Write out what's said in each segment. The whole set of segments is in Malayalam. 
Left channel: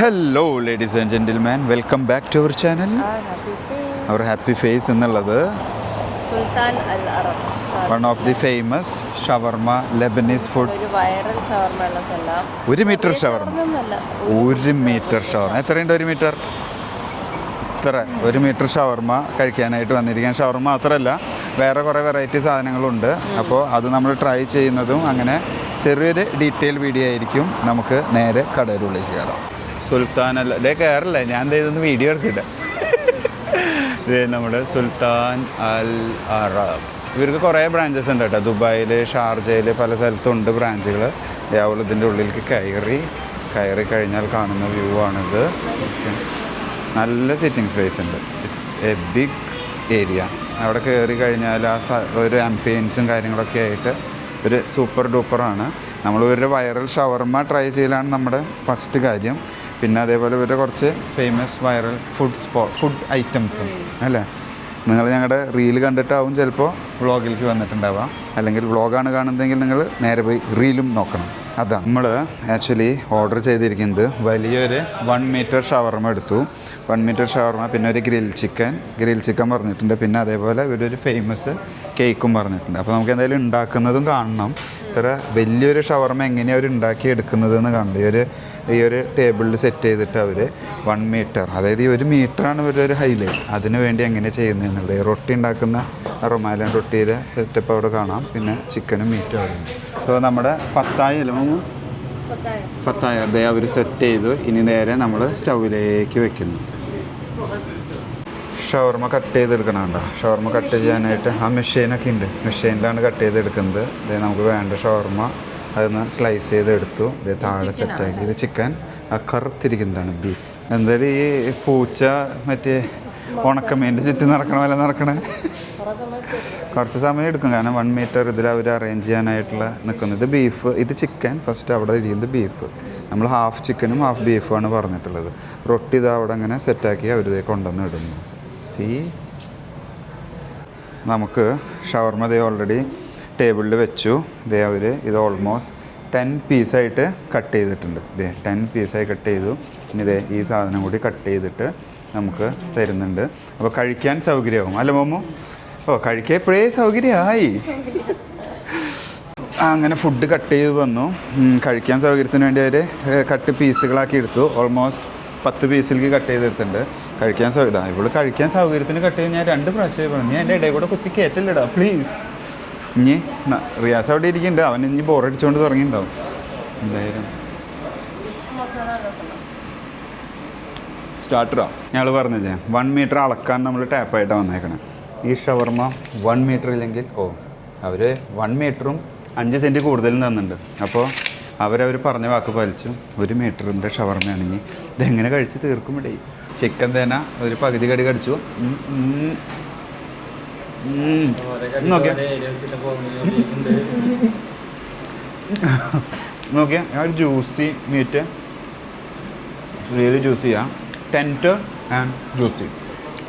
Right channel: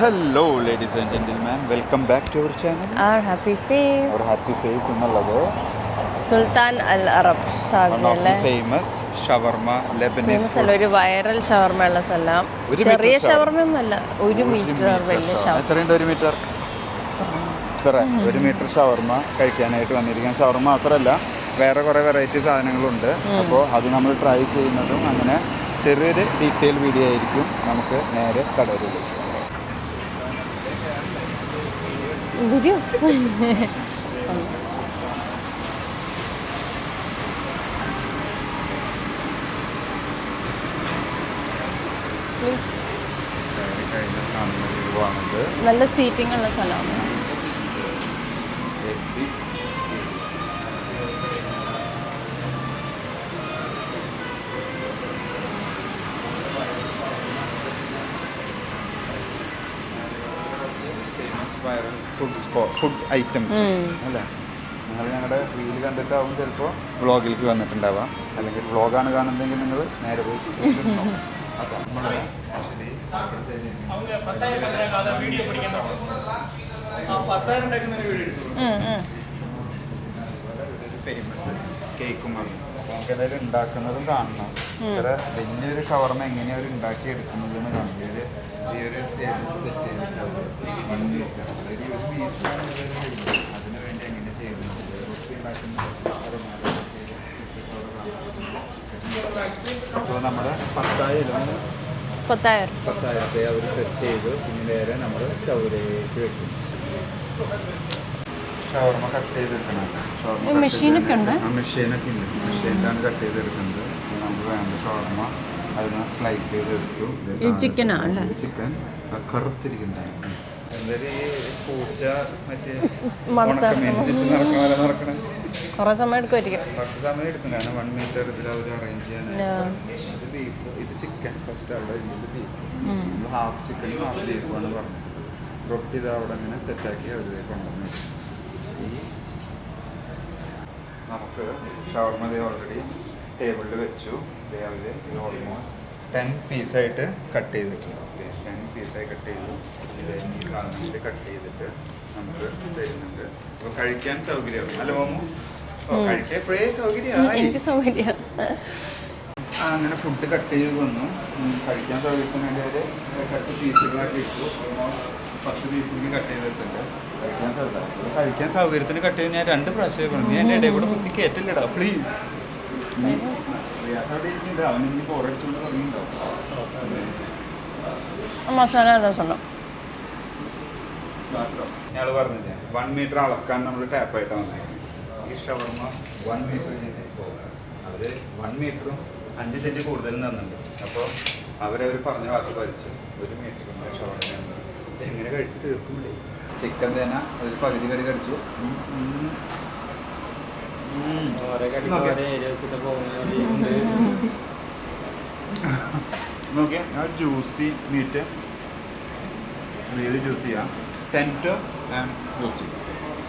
Hello ladies and gentlemen, welcome back to our channel. Our happy face എന്നുള്ളത് Sultan Al Arab one of the famous shawarma Lebanese food. ഒരു വൈറൽ ഷവർമ ഉള്ള സ്ഥലം. ഒരു മീറ്റർ ഷവർമ ഒന്നുമല്ല, ഒരു മീറ്റർ ഷവർമ എത്രയുണ്ട്? ഒരു മീറ്റർ ഇത്ര ഒരു മീറ്റർ ഷവർമ കഴിക്കാനായിട്ട് വന്നിരിക്കാൻ. ഷവർമ മാത്രമല്ല, വേറെ കുറേ വെറൈറ്റി സാധനങ്ങളുണ്ട്. അപ്പോൾ അത് നമ്മൾ ട്രൈ ചെയ്യുന്നതും അങ്ങനെ ചെറിയൊരു ഡീറ്റെയിൽ വീഡിയോ ആയിരിക്കും. നമുക്ക് നേരെ കടയിലേക്ക് കയറാം. സുൽത്താൻ അല്ല ഡേ കയറല്ലേ, ഞാൻ ഇതൊന്നും വീഡിയോ എടുക്കില്ല. നമ്മുടെ സുൽത്താൻ അൽ അറബ്, ഇവർക്ക് കുറേ ബ്രാഞ്ചസ് ഉണ്ട് കേട്ടോ. ദുബായിൽ, ഷാർജയിൽ, പല സ്ഥലത്തും ഉണ്ട് ബ്രാഞ്ചുകൾ. രാവിലെ ഇതിൻ്റെ ഉള്ളിലേക്ക് കയറി കഴിഞ്ഞാൽ കാണുന്ന വ്യൂ ആണിത്. നല്ല സീറ്റിംഗ് സ്പേസ് ഉണ്ട്. It's a big area. അവിടെ കയറി കഴിഞ്ഞാൽ ഒരു ആംബിയൻസും കാര്യങ്ങളൊക്കെ ആയിട്ട് ഒരു സൂപ്പർ ഡൂപ്പറാണ്. നമ്മൾ ഇവരുടെ വൈറൽ ഷവർമ ട്രൈ ചെയ്യലാണ് നമ്മുടെ ഫസ്റ്റ് കാര്യം. പിന്നെ അതേപോലെ ഇവരുടെ കുറച്ച് ഫേമസ് വൈറൽ ഫുഡ് ഐറ്റംസും അല്ലേ. നിങ്ങൾ ഞങ്ങളുടെ റീൽ കണ്ടിട്ടാവും ചിലപ്പോൾ വ്ളോഗിലേക്ക് വന്നിട്ടുണ്ടാവാം. അല്ലെങ്കിൽ വ്ളോഗാണ് കാണുന്നതെങ്കിൽ നിങ്ങൾ നേരെ പോയി റീലും നോക്കണം. അതാണ് നമ്മൾ ആക്ച്വലി ഓർഡർ ചെയ്തിരിക്കുന്നത്. വലിയൊരു 1 മീറ്റർ ഷവർമ എടുത്തു. 1 മീറ്റർ ഷവർമ, പിന്നെ ഒരു ഗ്രിൽ ചിക്കൻ പറഞ്ഞിട്ടുണ്ട്. പിന്നെ അതേപോലെ ഇവരൊരു ഫേമസ് കേക്കും പറഞ്ഞിട്ടുണ്ട്. അപ്പോൾ നമുക്ക് എന്തായാലും ഉണ്ടാക്കുന്നതും കാണണം. ഇത്ര വലിയൊരു ഷവർമ എങ്ങനെയാണ് അവർ ഉണ്ടാക്കി എടുക്കുന്നതെന്ന് കാണണം. ഈ ഒരു ടേബിളിൽ സെറ്റ് ചെയ്തിട്ട് അവർ 1 മീറ്റർ, അതായത് ഈ 1 മീറ്ററാണ് ഇവരൊരു ഹൈലൈറ്റ്. അതിന് വേണ്ടി എങ്ങനെ ചെയ്യുന്നതെന്നുള്ളത്. റൊട്ടി ഉണ്ടാക്കുന്ന റൊമാലൻ റൊട്ടിയുടെ സെറ്റപ്പ് അവിടെ കാണാം. പിന്നെ ചിക്കനും മീറ്റും ആയിരുന്നു. അപ്പോൾ നമ്മുടെ ഫത്തായ അവർ സെറ്റ് ചെയ്തു. ഇനി നേരെ നമ്മൾ സ്റ്റൗവിലേക്ക് വെക്കുന്നു. ഷവർമ കട്ട് ചെയ്തെടുക്കണുണ്ടോ? ഷവർമ കട്ട് ചെയ്യാനായിട്ട് ആ മെഷീനൊക്കെ ഉണ്ട്. മെഷീനിലാണ് കട്ട് ചെയ്തെടുക്കുന്നത്. നമുക്ക് വേണ്ട ഷവർമ അതൊന്ന് സ്ലൈസ് ചെയ്തെടുത്തു. ഇത് ചിക്കൻ, ആ കറുത്തിരിക്കുന്നതാണ് ബീഫ്. എന്തായാലും ഈ പൂച്ച മറ്റേ ഉണക്കമീൻ്റെ ചുറ്റും നടക്കണ പോലെ നടക്കണേ കുറച്ച് സമയം എടുക്കും. കാരണം 1 മീറ്റർ ഇതിൽ അവർ അറേഞ്ച് ചെയ്യാനായിട്ടുള്ള നിൽക്കുന്നത്. ബീഫ്, ഇത് ചിക്കൻ ഫസ്റ്റ്, അവിടെ ഇരിക്കുന്നത് ബീഫ്. നമ്മൾ ഹാഫ് ചിക്കനും ഹാഫ് ബീഫുമാണ് പറഞ്ഞിട്ടുള്ളത്. റൊട്ടി ഇത് അവിടെ അങ്ങനെ സെറ്റാക്കി അവർ കൊണ്ടുവന്ന് ഇടുന്നു. നമുക്ക് ഷവർമ ദേ ഓൾറെഡി ടേബിളിൽ വെച്ചു. ഇത് ഓൾമോസ്റ്റ് 10 പീസായിട്ട് കട്ട് ചെയ്തിട്ടുണ്ട്. 10 പീസായി കട്ട് ചെയ്തു. ഇനി ഈ സാധനം കൂടി കട്ട് ചെയ്തിട്ട് നമുക്ക് തരുന്നുണ്ട്. അപ്പോൾ കഴിക്കാൻ സൗകര്യമാകും അല്ല മോമോ? കഴിക്കാൻ എപ്പോഴേ സൗകര്യമായി. അങ്ങനെ ഫുഡ് കട്ട് ചെയ്ത് വന്നു. കഴിക്കാൻ സൗകര്യത്തിന് വേണ്ടി അവർ കട്ട് പീസുകളാക്കി എടുത്തു. ഓൾമോസ്റ്റ് 10 പീസിലേക്ക് കട്ട് ചെയ്തെടുത്തിട്ടുണ്ട്. കഴിക്കാൻ സൗകര്യം ഇവിടെ കഴിക്കാൻ സൗകര്യത്തിന് കട്ട് ചെയ്ത് ഞാൻ 2 പ്രാവശ്യം പറഞ്ഞു. ഞാൻ എൻ്റെ ഇടയിൽ കൂടെ കുത്തി കയറ്റല്ലിടാ പ്ലീസ്. ഇനി റിയാസ് അവിടെ ഇരിക്കുന്നുണ്ട്. അവൻ ഇനി ബോറടിച്ചുകൊണ്ട് തുടങ്ങിയിട്ടുണ്ടാവും. എന്തായാലും സ്റ്റാർട്ടറോ ഞങ്ങൾ പറഞ്ഞില്ലേ, 1 മീറ്റർ അളക്കാൻ നമ്മൾ ടാപ്പായിട്ടാണ് വന്നേക്കണേ. ഈ ഷവർമ 1 മീറ്റർ ഇല്ലെങ്കിൽ അവർ 1 മീറ്ററും 5 സെൻറ്റ് കൂടുതലും തന്നിട്ടുണ്ട്. അപ്പോൾ അവരവർ പറഞ്ഞ വാക്ക് പാലിച്ചു. 1 മീറ്ററിൻ്റെ ഷവർമയാണെങ്കിൽ ഇതെങ്ങനെ കഴിച്ച് തീർക്കും ഇവിടെ. ചിക്കൻ തേന ഒരു പകുതി കടി കടിച്ചു. നോക്കിയാ ജ്യൂസി മീറ്റ്, റിയലി ജ്യൂസിയാണ്. Tender and juicy,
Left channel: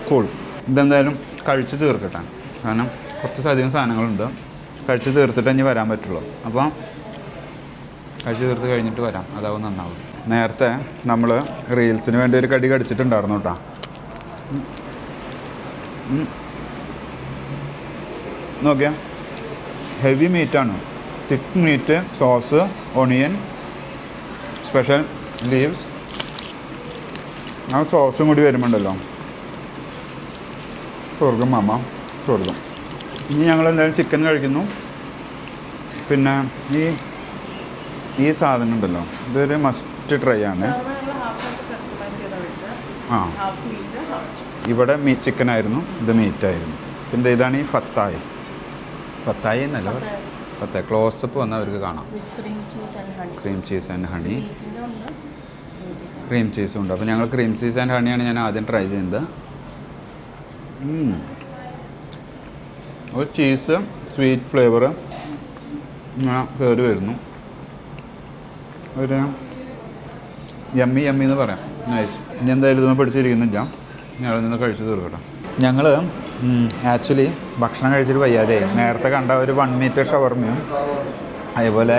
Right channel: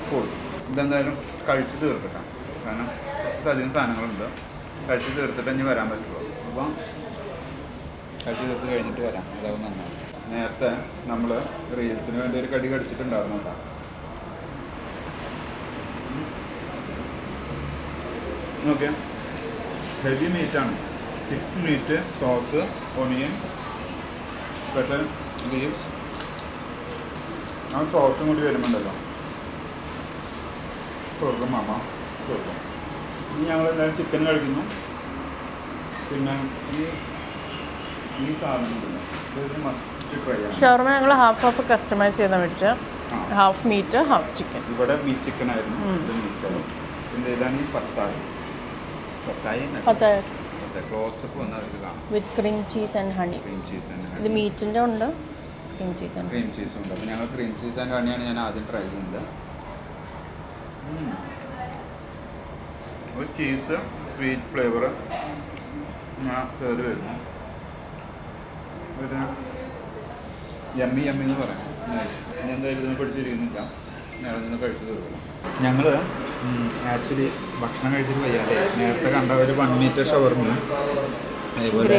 cool. ഇതെന്തായാലും കഴിച്ച് തീർക്കട്ടെ. കാരണം കുറച്ചധികം സാധനങ്ങളുണ്ട്. കഴിച്ച് തീർത്തിട്ട് ഇനി വരാൻ പറ്റുള്ളൂ. അപ്പോൾ കഴിച്ച് തീർത്ത് കഴിഞ്ഞിട്ട് വരാം, അതാവും നന്നാവും. നേരത്തെ നമ്മൾ റീൽസിന് വേണ്ടി ഒരു കടി കടിച്ചിട്ടുണ്ടായിരുന്നു കേട്ടോ. നോക്കിയാൽ ഹെവി മീറ്റാണ്. Thick meat, sauce, onion, special leaves, ആ സോസും കൂടി വരുമ്പോണ്ടല്ലോ സ്വർഗം മാമ സ്വർഗം. ഇനി ഞങ്ങൾ എന്തായാലും ചിക്കൻ കഴിക്കുന്നു. പിന്നെ ഈ സാധനം ഉണ്ടല്ലോ, ഇതൊരു മസ്റ്റ് ട്രൈ ആണ്. ഇവിടെ ചിക്കൻ ആയിരുന്നു, ഇത് മീറ്റായിരുന്നു. പിന്നെ ഇതാണ് ഈ ഫത്തായി എന്നല്ല, ഫത്തായി ക്ലോസപ്പ് വന്നാൽ അവർക്ക് കാണാം. Cream cheese and honey. Cream ചീസും ഉണ്ട്. അപ്പോൾ ഞങ്ങൾ ക്രീം ചീസ് ആൻഡ് ഹണിയാണ് ഞാൻ ആദ്യം ട്രൈ ചെയ്യുന്നത്. ഒരു ചീസ് സ്വീറ്റ് ഫ്ലേവർ കയറി വരുന്നു. ഒരു യമ്മി എന്ന് പറയാം. നൈസ്. ഇനി എന്തായാലും ഇതൊന്നും പിടിച്ചിരിക്കുന്നില്ല. ഞങ്ങൾ നിന്ന് കഴിച്ചു തീർക്കട്ടെ. ഞങ്ങൾ ആക്ച്വലി ഭക്ഷണം കഴിച്ചിട്ട് വയ്യാതെ നേരത്തെ കണ്ട ഒരു 1 മീറ്റർ ഷവർമയും അതേപോലെ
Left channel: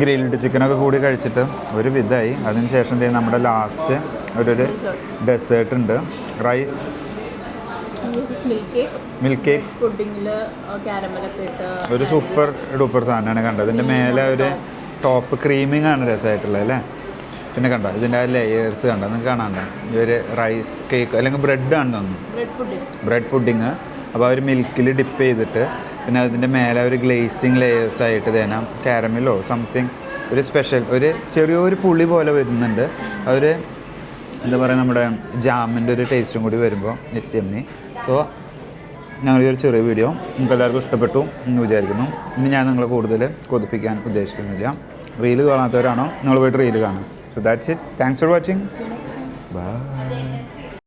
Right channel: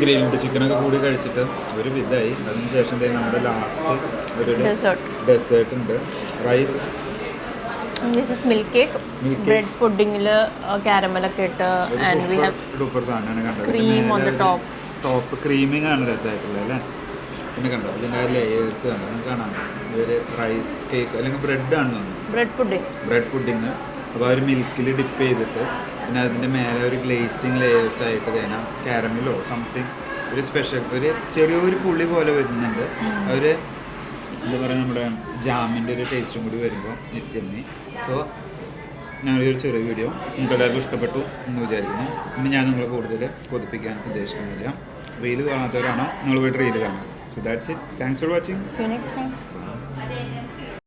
ഗ്രിൽഡ് ചിക്കനൊക്കെ കൂടി കഴിച്ചിട്ട് ഒരു വിധമായി. അതിനുശേഷം നമ്മുടെ ലാസ്റ്റ് ഒരു ഡെസേർട്ട് ഉണ്ട്. Rice milk cake, milk cake പുഡിങ്ങിൽ കാരമലൊക്കെ ഇട്ട് ഒരു സൂപ്പർ ഡൂപ്പർ സാധനമാണ് കണ്ടത്. ഇതിൻ്റെ മേലെ ഒരു ടോപ്പ് ക്രീമിങ് ആണ് രസമായിട്ടുള്ളത് അല്ലേ. പിന്നെ കണ്ടോ ഇതിൻ്റെ ആ ലെയേഴ്സ് കണ്ടോ, നിങ്ങൾക്ക് കാണാണ്ടോ, ഇതൊരു റൈസ് കേക്ക് അല്ലെങ്കിൽ ബ്രെഡാണ് തോന്നുന്നു, ബ്രെഡ് പുഡിങ്. അപ്പോൾ അവർ മിൽക്കിൽ ഡിപ്പ് ചെയ്തിട്ട് പിന്നെ അതിൻ്റെ മേലെ ഒരു ഗ്ലേസിങ് ലെയേഴ്സ് ആയിട്ട് തന്നെ കാരമലോ സംതിങ് ഒരു സ്പെഷ്യൽ ഒരു ചെറിയൊരു പുളി പോലെ വരുന്നുണ്ട്. അവർ എന്താ പറയുക നമ്മുടെ ജാമിൻ്റെ ഒരു ടേസ്റ്റും കൂടി വരുമ്പോൾ നെക്സ്റ്റ് എമ്മി. സോ ഞങ്ങളൊരു ചെറിയ വീഡിയോ നിങ്ങൾക്ക് എല്ലാവർക്കും ഇഷ്ടപ്പെട്ടു എന്ന് വിചാരിക്കുന്നു. ഇനി ഞാൻ നിങ്ങളെ കൂടുതൽ കൊതിപ്പിക്കാൻ ഉദ്ദേശിക്കുന്നില്ല. റീല് കാണാത്തവരാണോ നിങ്ങൾ പോയിട്ട് റീല് കാണും. So that's it. Thanks for watching. By.